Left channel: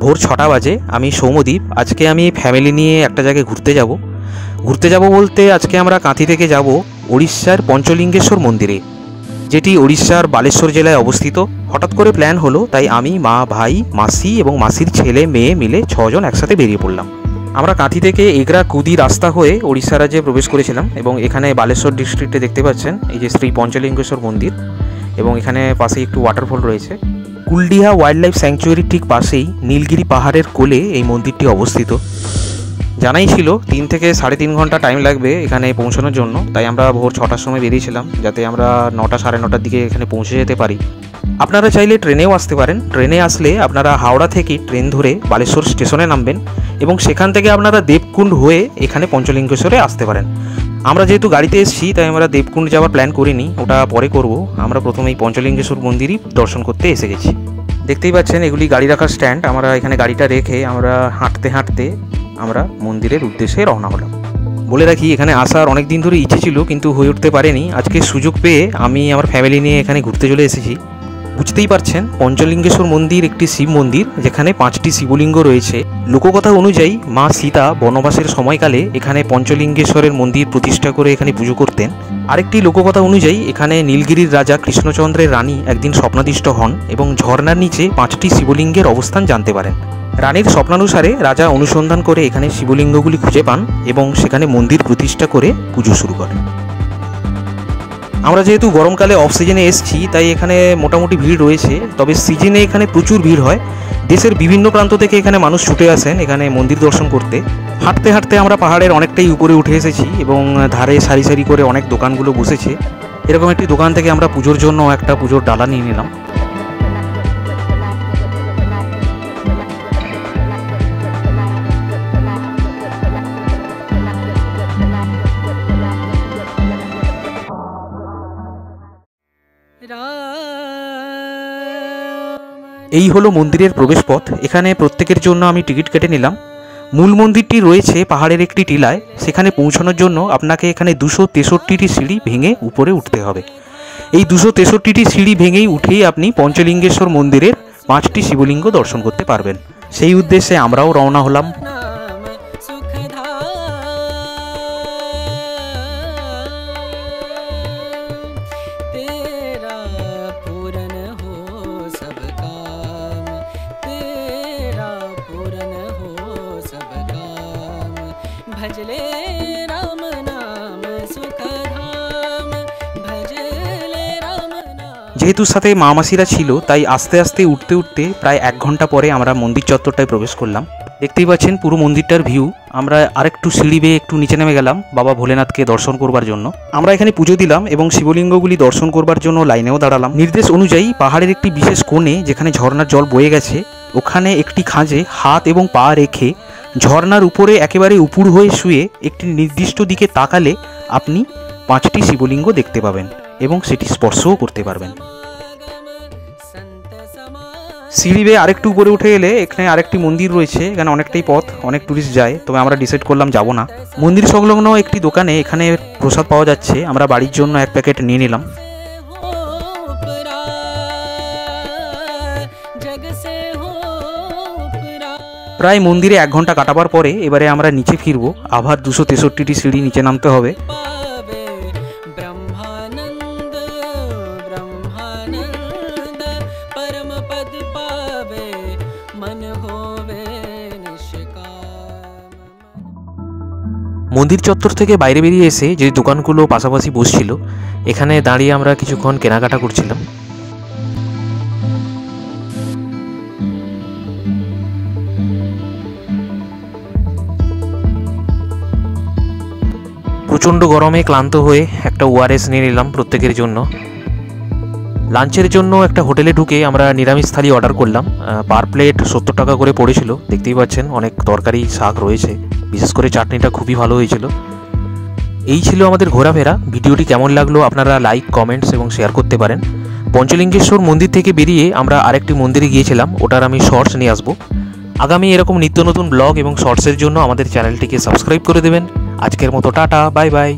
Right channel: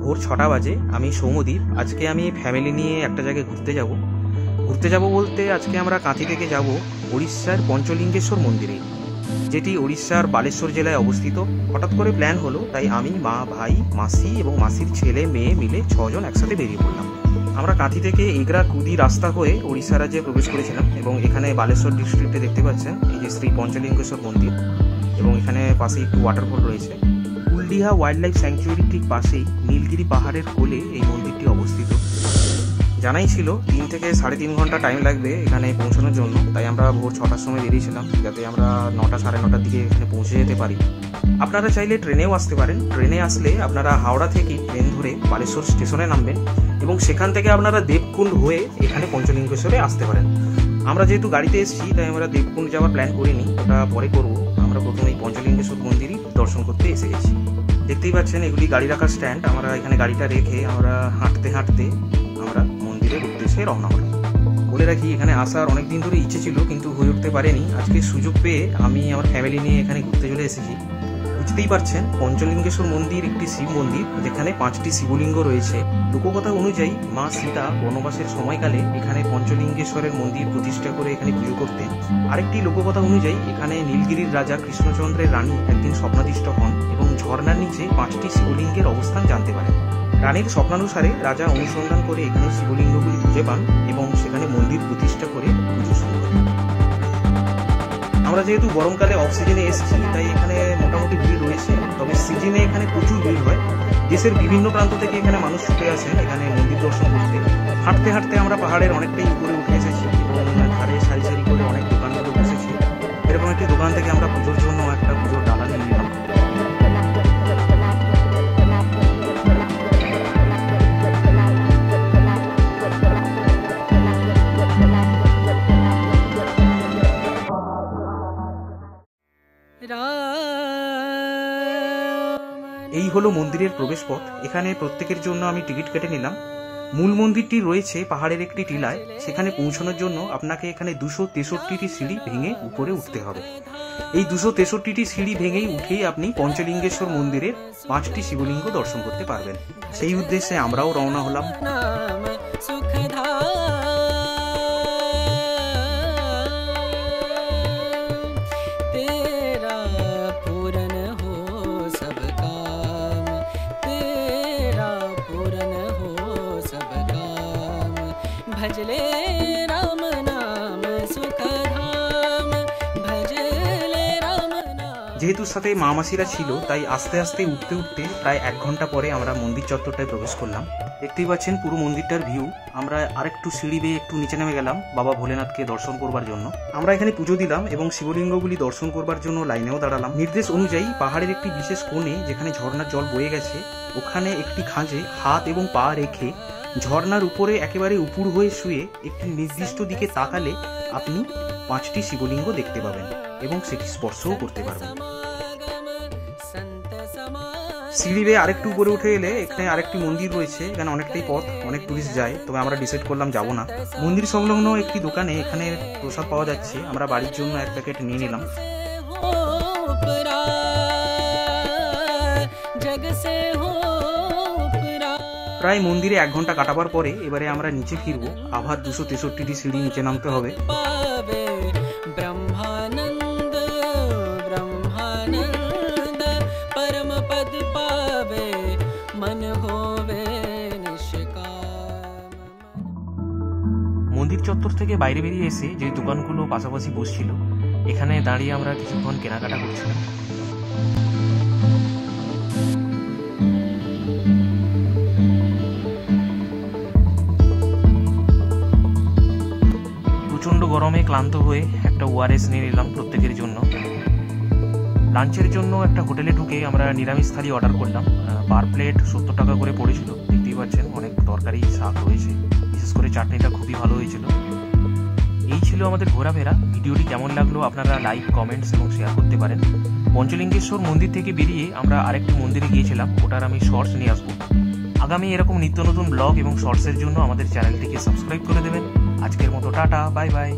ভোর 6টা বাজে। আমি সৌম্যদীপ। আজকে আমি ফ্যামিলি নিয়ে একটা জায়গায় ঘুরতে যাব বলতে আজকে আমরা কাঁথি থেকে যাব উড়িষ্যার পঞ্চলিঙ্গেশ্বর মন্দিরে, যেটি উড়িষ্যার বালেশ্বর জেলায় অবস্থিত। হঠাৎ করে প্ল্যান হলো, তাই আমি, মা, ভাই, মাসি এবং মাসির ছেলে মেয়ে মিলে 6 জন একসাথে বেরিয়ে পড়লাম। আমরা কাঁথি থেকে এগরা কুদি রাস্তা হয়ে উড়িষ্যা রাজ্যে প্রবেশ করেছিলাম এবং এখানে বালেশ্বর ডিস্ট্রিক্টে দেখতে পাচ্ছেন এই যে শ্রী পঞ্চলিঙ্গেশ্বর মন্দির, এবং এখানে পাশেই একটু ওয়াটারফল রয়েছে। কুলডিহা ওয়াইল্ড লাইফ স্যাংচুয়ারির ঠিক পাশেই নীলগিরি পাহাড়ের কোলে এই মন্দিরটি অবস্থিত। জানাই ছিল 3 থেকে 3.5 ঘন্টা টাইম লাগবে এখানে পৌঁছানোর জন্য, তাই আমরা ভোর 6টার সময় বেরিয়েছিলাম যাতে আমরা 9টা সাড়ে 9টার দিকে এখানে পৌঁছে যেতে পারি। আপনারা চাইলে ট্রেনেও আসতে পারেন। ট্রেনে আসলে আপনারা হাওড়া থেকে ট্রেন ধরে বালেশ্বর স্টেশনে নামবেন এবং সেখান থেকে আপনারা দেবকুণ্ড হয়ে এখানে পঞ্চলিঙ্গেশ্বরে আসতে পারেন। আমরা যেহেতু গাড়িতে এসেছি তাই আমরা দেবকুণ্ড যাওয়ার প্ল্যান করিনি, ওটা পরে করব। আমরা প্রথমেই পঞ্চলিঙ্গেশ্বর মন্দিরই দর্শন করতে এসে গেছি। দেখতেই পাচ্ছেন এগুলি গাড়ি রাখার স্ট্যান্ড। আমরা এখানে গাড়িটা রেখে আমরা হাঁটতে হাঁটতে আমরা মন্দিরের উদ্দেশ্যে রওনা হলাম। বলে রাখি, এখানে আসার অনেক দিন ধরে ইচ্ছে ছিল কিন্তু হয়ে উঠতে পারেনি। আজকে সুযোগ পেয়ে আমি আমার ফ্যামিলি নিয়ে এখানে ঘুরতে চলে এসেছি। বুঝতেই পারছেন, পঞ্চলিঙ্গেশ্বর মন্দির একটি শিব মন্দির যেখানে 5টি শিবলিঙ্গ রয়েছে। লোককথা অনুযায়ী মা সীতা বনবাসের সময়কালে এখানে পঞ্চলিঙ্গেশ্বরের মন্দির প্রতিষ্ঠা করে এখানে পুজো করতেন। আরেকটি লোককথা অনুযায়ী এখানে নীলগিরির রাজা কৃষ্ণচন্দ্রের রানী একদিন স্বপ্নাদিষ্ট হন এবং ঝর্ণার নিচে 5টি শিবলিঙ্গের অবস্থান জানতে পারেন। রানীর স্বপ্নানুসারে রাজা অনুসন্ধান করে এখানে শিবলিঙ্গগুলি খুঁজে পান এবং সেখানে মন্দির প্রতিষ্ঠা করে পুজো শুরু করেন। আমরা যেহেতু গরমকালে অফ সিজনে এসেছি তাই এখানে মোটামুটি ভিড় রয়েছে, তবে সিজনে এখানে প্রচুর ভিড় হয়। দেশের বিভিন্ন প্রান্ত থেকে এখানে মানুষ ছুটে আসেন এখানে মন্দির দর্শন করতে। হাঁটতে হাঁটতে আমরা পাহাড়ের অনেকটাই উপরে উঠে এসেছি এবং ধারে সারি সারি করে অনেক দোকানগুলো বসেছে। এরকম একটি দোকান থেকে আমরা পুজোর জন্য একটা পুজোর ডালা নিয়ে নিলাম। এই হলো মন্দিরের প্রবেশপথ। এখানে প্রত্যেকের জন্য আমি টিকিট কেটে নিলাম। মূল মন্দিরটি রয়েছে পাহাড়ের একটি টিলায়। সেখানে পৌঁছানোর জন্য আপনাকে এখানে 263টি সিঁড়ি ভেঙে উপরে উঠতে হবে। এই 263টি সিঁড়ি ভেঙেই উঠেই আপনি পঞ্চলিঙ্গেশ্বর মন্দিরের 5টি শিবলিঙ্গ দর্শন করতে পারবেন। সেই উদ্দেশ্যে আমরাও রওনা হলাম। যেহেতু সাথে মা মাসিরা ছিল তাই আস্তে আস্তে উঠতে উঠতে প্রায় 1 ঘন্টা পরে আমরা মন্দির চত্বরটায় প্রবেশ করলাম। দেখতেই পাচ্ছেন পুরো মন্দিরটার ভিউ। আমরা আরেকটু সিঁড়ি বেয়ে একটু নিচে নেমে গেলাম বাবা ভোলেনাথকে দর্শন করবার জন্য। আমরা এখানে পুজো দিলাম এবং শিবলিঙ্গগুলি দর্শন করবার জন্য লাইনেও দাঁড়ালাম। নির্দেশ অনুযায়ী পাহাড়ের একটি বিশেষ কোণে যেখানে ঝর্ণার জল বয়ে গেছে ওখানে একটি খাঁজে হাত এবং পা রেখে ঝর্ণার উপরে একেবারে উপুড় হয়ে শুয়ে একটি নির্দিষ্ট দিকে তাকালে আপনি 5টি শিবলিঙ্গ দেখতে পাবেন এবং সেটি স্পর্শও করতে পারবেন। সিঁড়ি বেয়ে আরেকটু উপরে উঠে এলে এখানে আরেকটি মন্দির রয়েছে। এখানে অনেকটাই পথ, অনেক টুরিস্ট যায়, তবে আমরা ডিসাইড করলাম যাব না। মন্দির সংলগ্ন একটি দোকানে এখানে প্রসাদ পাওয়া যাচ্ছে। আমরা বাড়ির জন্য 1 প্যাকেট নিয়ে নিলাম। প্রায় মন্দিরে 1 ঘন্টা কাটাবার পরে এবারে আমরা নিচে ফিরবো। আবার 263টি সিঁড়ি নিচে নামতে হবে। মন্দির চত্বর থেকে বাইরে বেরিয়ে এসে যে দোকানগুলো পাশাপাশি বসছিল এখানে দাঁড়িয়ে আমরা কিছুক্ষণ কেনাকাটা করছিলাম। প্রচণ্ড গরমে ক্লান্ত হয়ে একটা ওআরএস নিয়ে নিলাম প্রত্যেকের জন্য। লাঞ্চের জন্য একটা হোটেলে ঢুকে আমরা নিরামিষ থালি অর্ডার করলাম। পার প্লেট 70 টাকা করে পড়েছিল। দেখতেই পাচ্ছেন অনেক তরকারি শাক রয়েছে, বিশেষ করে চাটনিটা খুবই ভালো হয়েছিল। এই ছিল আমাদের ঘোরাফেরা। ভিডিওটি কেমন লাগলো আপনারা লাইক, কমেন্টস এবং শেয়ার করতে পারেন। পঞ্চলিঙ্গেশ্বর মন্দির থেকে বেরিয়ে আমরা আরেকটি মন্দিরে গিয়েছিলাম, ওটার আমি শর্টস নিয়ে আসবো। আগামী এরকম নিত্য নতুন ব্লগ এবং শর্টসের জন্য আমাদের চ্যানেলটিকে সাবস্ক্রাইব করে দেবেন। আজকের মতো টাটা, বাই বাই।